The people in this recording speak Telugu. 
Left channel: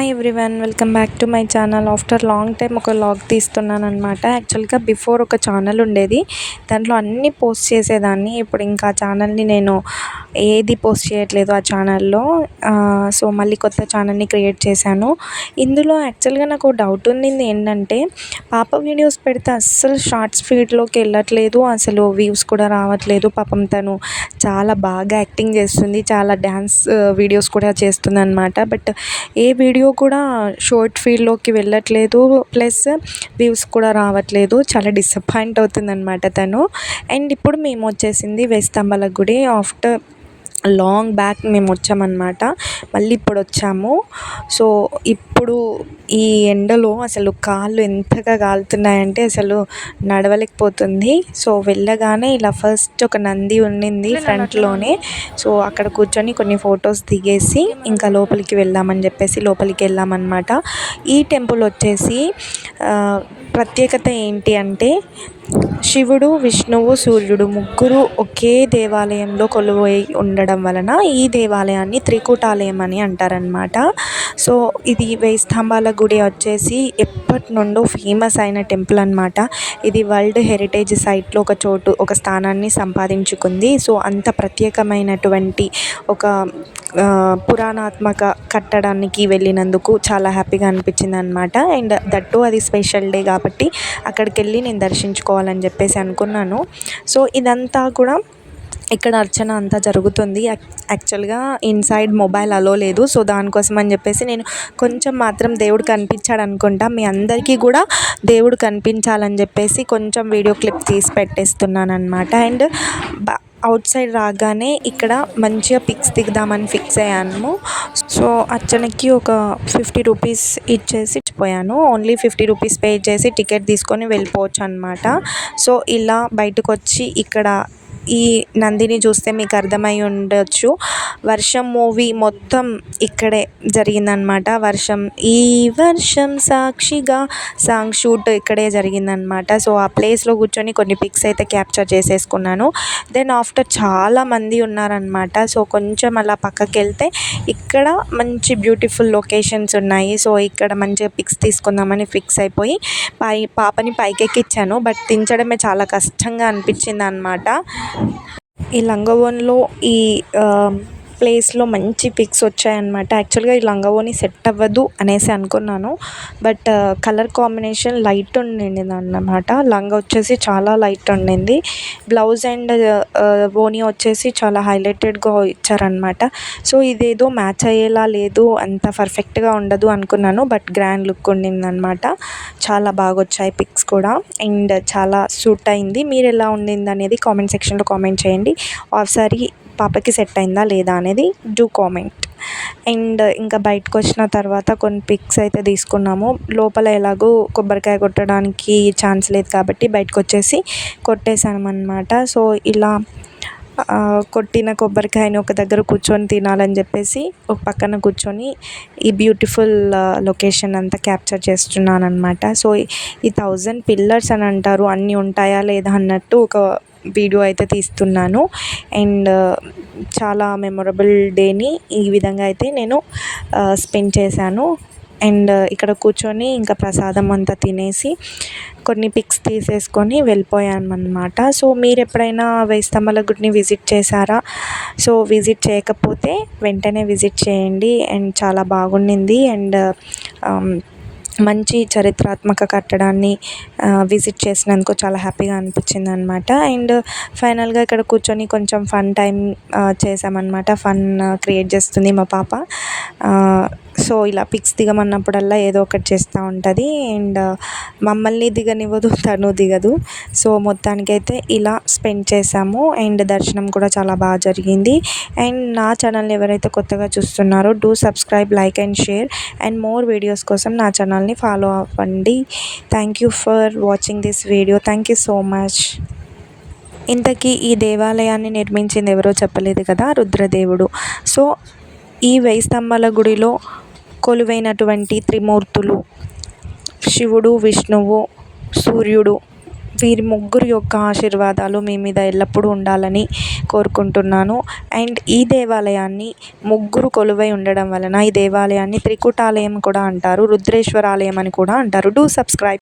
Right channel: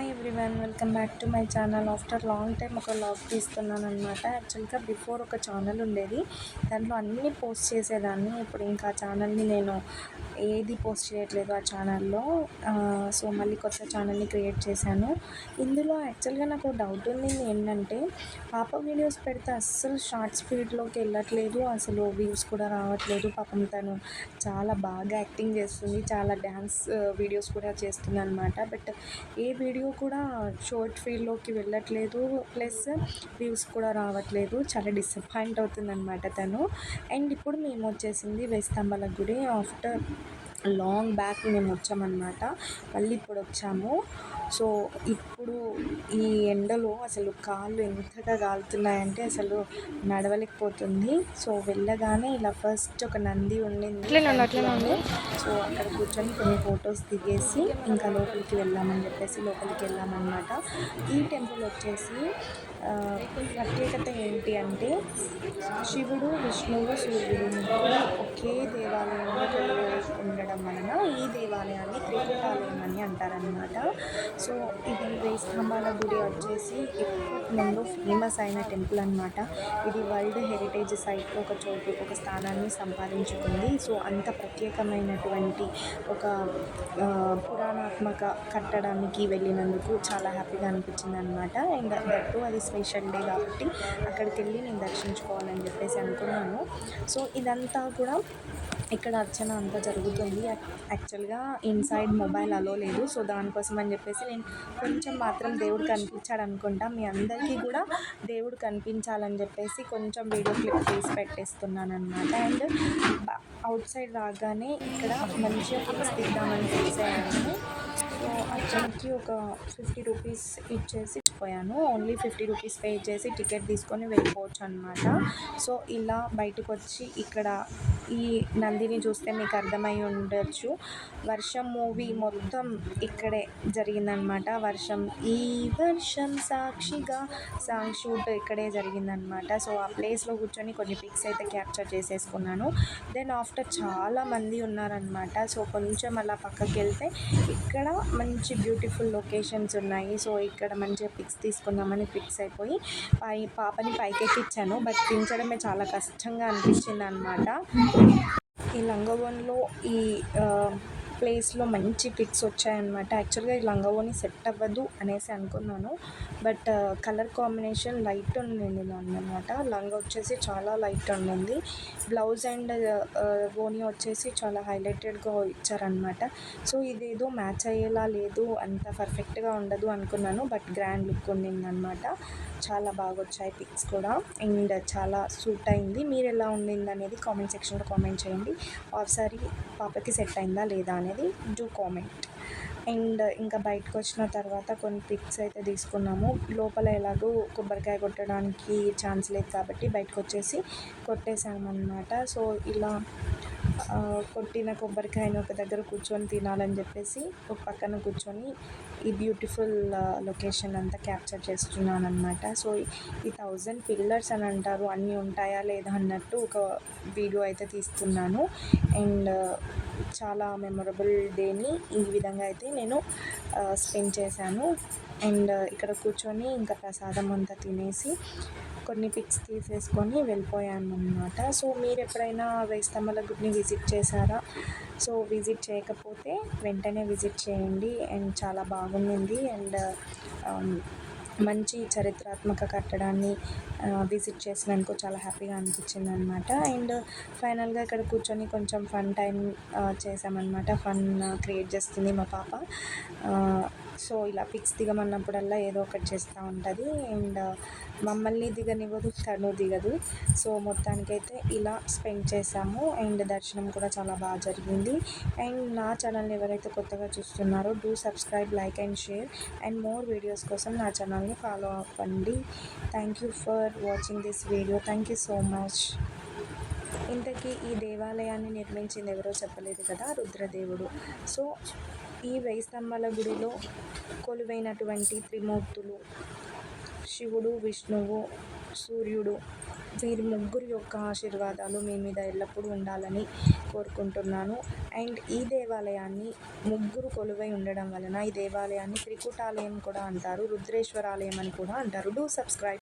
Hi everyone, welcome back to my channel. After long time ఒక వ్లాగ్ తీస్తున్నాను అనమాట. యాక్చువల్గా బిఫోర్ ఒక ఛానల్ ఉండేది, దాంట్లో అన్నీ పోస్ట్ చేసేదాన్ని. ఇప్పుడు ఇంకా ఛానల్ని నేను ఏది పోస్ట్ చేయట్లేదు ఆ ఛానల్లో. సో మళ్ళీ కొత్త ఛానల్ని క్రియేట్ చేశాను. ఇందులో యాక్చువల్గా నాకు డౌట్ ఉండింది ఏంటంటే, పాప వీడియోస్ పెడితే అస్సలు షార్ట్స్ ఫీడ్లోకి వెళ్ళట్లేదు, అసలు వ్యూస్ కూడా రావట్లేదు. పాపం తను చాలా బాగా యాక్టింగ్ చేస్తుంది, చాలా డ్యాన్స్ వీడియోస్ కూడా చేస్తుంది అనమాట. బట్ ఏ వీడియో కూడా షార్ట్ ఫీడ్లోకి వెళ్ళట్లేదు, ప్లస్ వ్యూస్ కూడా రావట్లేదు. చాలా డిసప్పాయింట్ అవుతుందన్నమాట తను. అండ్ ఇప్పుడు మేము వచ్చేసింది వేయి స్తంభాల గుడి. ఆఫ్టర్ లాంగ్ బ్యాక్ మేము వచ్చామన్నమాట, మళ్ళీ ఇప్పుడు వచ్చాము. సో ఇప్పుడు ఈ ఎండలో అసలు కాళ్ళు ఎంతగా కాలుతున్నాయంటే అసలు నడవలేకపోతుంది. సో వెళ్ళగానే ఇలా ఫస్ట్ ఒక నంది ఉండింది ఫ్రంట్లోనే. సో అక్కడ కూర్చొని కొన్ని ఫొటోస్ దిగేసి ఇంకా లోపలికి వెళ్దామని చెప్పేసి లోపలికి వెళ్ళామన్నమాట. ఈ టెంపుల్ వచ్చేసి ప్రత్యేకత ఏంటి అంటే, శివుడు, విష్ణువు, సూర్యుడు ముగ్గురు ఒకే దేవాలయంలో కొలువై ఉండడం వలన ఈ దేవాలయాన్ని త్రికూటాలయం అని అంటారనమాట. సో ఇది వేయి స్తంభాల గుడి వచ్చేసి ఎప్పటి నుండో ఫేమస్ అయిన టెంపుల్ అనమాట. ఇది వరల్డ్ హెరిటేజ్ సైట్లో ఒక స్థానాన్ని సంపాదించుకుంది. సో అంత ప్రత్యేకమైనటువంటి ఒక పురాణాత్మక కట్టడానికి వెళ్ళినందుకు చాలా హ్యాపీగా అనిపించింది అనమాట. అండ్ దట్టు అది స్పెషల్ డే కాబట్టి అక్కడికి వెళ్ళి నేను దర్శించుకోవాలని చెప్పేసి అనుకున్నాను. సో ఇదంతా కూడా ఇక్కడ అర్చన అంతా జరుగుతుంది. యాక్చువల్గా ఇన్సైడ్ మొబైల్ అలో లేదు. సో దానికోసం అని చెప్పేసి నేను కొంచెం మాత్రం దేవుడు కనిపించాడు అనుకుంటా, మీ అందరికీ కూడా దేవుడు కనిపించాలని చెప్పేసి కొంచెం వీడియో క్లిప్ తీసి పెట్టేస్తున్నాను అనమాట. అండ్ అవుట్ సైడ్ రాగానే ఇక్కడ మంచిగా పిక్స్ దిగుదామని ఫిక్స్ అయ్యాను. సో అర్చనకి ఒక 50 రూపీస్ ఇచ్చేసి పోయాను. ఓన్లీ 50 రూపీస్ పే చేసి టికెట్ తీసుకొని వెళ్ళిపోవచ్చు అనమాట. సో ఇలా బయటకు వచ్చి ఇక్కడ ఈ నందిని చూస్తే మీకు అర్థమై ఉండొచ్చు, వర్షం మూవీ మొత్తం ఇక్కడే జరిగిందనమాట. ఈ వర్షం సాక్షిగా సాంగ్ షూట్ ఇక్కడే జరిగిందనమాట. సో ఆ ప్లేస్లో కూర్చొని కొన్ని పిక్స్ అయితే క్యాప్చర్ చేసేసుకున్నాను. దెన్ ఆఫ్టర్ చాలా మంది ఉన్నారనమాట. సో కొంచెం అలా పక్కకి వెళ్తే ఇక్కడ మంచి బ్యూటిఫుల్ లొకేషన్స్ ఉన్నాయి. సో ఇక్కడ మంచిగా పిక్స్ తీసుకుందామని ఫిక్స్ అయిపోయి పాపని పైకెక్కించాను. బట్ దించడమే చాలా కష్టంగా అనిపించింది అనమాట. ఈ లంగవోన్లో ఈ ప్లేస్లో మంచి పిక్స్ వచ్చాయన్నమాట. యాక్చువల్గా ఈ లంగవోని సెట్ అవ్వదు అనేసి అనుకున్నాను, బట్ కలర్ కాంబినేషన్ లైట్ ఉండింది అన్నమాట. లంగా వచ్చేసి చాలా లైట్ ఉండింది, బ్లౌజ్ అండ్ ఓని వచ్చేసి చాలా హైలైటెడ్గా ఇచ్చారనమాట. సో ఇదేదో మ్యాచ్ అయ్యేలా లేదు, అంత పర్ఫెక్ట్గా ఉండదు అనుకున్నాను, బట్ గ్రాండ్ లుక్ ఉండిందనమాట. చాలా బాగా వచ్చాయి పిక్స్ కూడా, అండ్ చాలా సూట్ అయింది. మీరు ఎలా ఉండింది అనేది కామెంట్ సెక్షన్లో కామెంట్ చేయండి. ఒకసారి పాపకి సెట్ అయిందా లేదా అనేది డూ కామెంట్. అండ్ ఇంకా బయటకు వచ్చిన తర్వాత కొన్ని పిక్స్ అయితే తీసుకున్నాము. లోపల ఎలాగో కొబ్బరికాయ కొట్టడానికి ఛాన్స్ లేదు కాబట్టి బయటకు వచ్చేసి కొట్టేసామన్నమాట. సో ఇలా కొట్టిన కొబ్బరికాయని ఒక దగ్గర కూర్చొని తినాలని చెప్పేసి ఒక పక్కన కూర్చొని ఈ బ్యూటిఫుల్ లొకేషన్ అంతా క్యాప్చర్ చేస్తున్నాను అనమాట. సో ఈ 1000 పిల్లర్స్ అని అంటారు, అన్నీ ఉంటాయా లేదా అన్నట్టు ఒక వీడియో అయితే తీస్తున్నాను. అండ్ చాలా మెమొరబుల్ డేని ఈ విధంగా అయితే నేను స్పెండ్ చేశాను. అండ్ ఇక్కడ కూర్చొని ఇంకా ప్రసాదం అంతా తినేసి కొన్ని పిక్స్ తీసేసుకొని వెళ్ళిపోయామన్నమాట. సో మీరు ఎప్పుడైనా వేయి స్తంభాల గుడిని విజిట్ చేశారా? సో విజిట్ చేయకపోతే వెంటనే విజిట్ చేయండి. అండ్ చాలా బాగుండింది. అండ్ మంచి చరిత్రాత్మక కట్టడాన్ని విజిట్ చేసినందుకు చాలా హ్యాపీగా అనిపించింది అనమాట. అండ్ ఫైనల్గా ఇక్కడ కూర్చొని కొంచెం ఫన్ టైం చేసామన్నమాట. ఫన్ క్రియేట్ చేస్తుంది మా పాప. సో ఇలా పిక్స్ దిగమన్నప్పుడల్లా ఏదో ఒకటి చేస్తూ ఉంటుంది. అండ్ మమ్మల్ని దిగనివ్వదు, తను దిగదు. సో మొత్తానికైతే ఇలా స్పెండ్ చేసాము. అండ్ దర్శనం కూడా చాలా బాగా జరిగింది. అండ్ నా ఛానల్ని ఎవరైతే కొత్తగా చూస్తున్నారో do subscribe, like and share. And more videos కోసం నా ఛానల్ని ఫాలో అవ్వండి. Thank you for watching this video. Thank you so much. ఇంతకీ ఈ దేవాలయాన్ని నిర్మించింది ఎవరో చెప్పలేదు కదా, రుద్రదేవుడు. సో ఈ వేయి స్తంభాల గుడిలో కొలువైనటువంటి త్రిమూర్తులు శివుడు, విష్ణువు, సూర్యుడు, వీరి ముగ్గురు యొక్క ఆశీర్వాదాలు మీ మీద ఎల్లప్పుడూ ఉండాలని కోరుకుంటున్నాను. అండ్ ఈ దేవాలయాన్ని ముగ్గురు కొలువై ఉండడం వలన ఈ దేవాలయాన్ని త్రికూటాలయం కూడా అంటారు, రుద్రేశ్వరాలయం అని కూడా అంటారు. Do subscribe.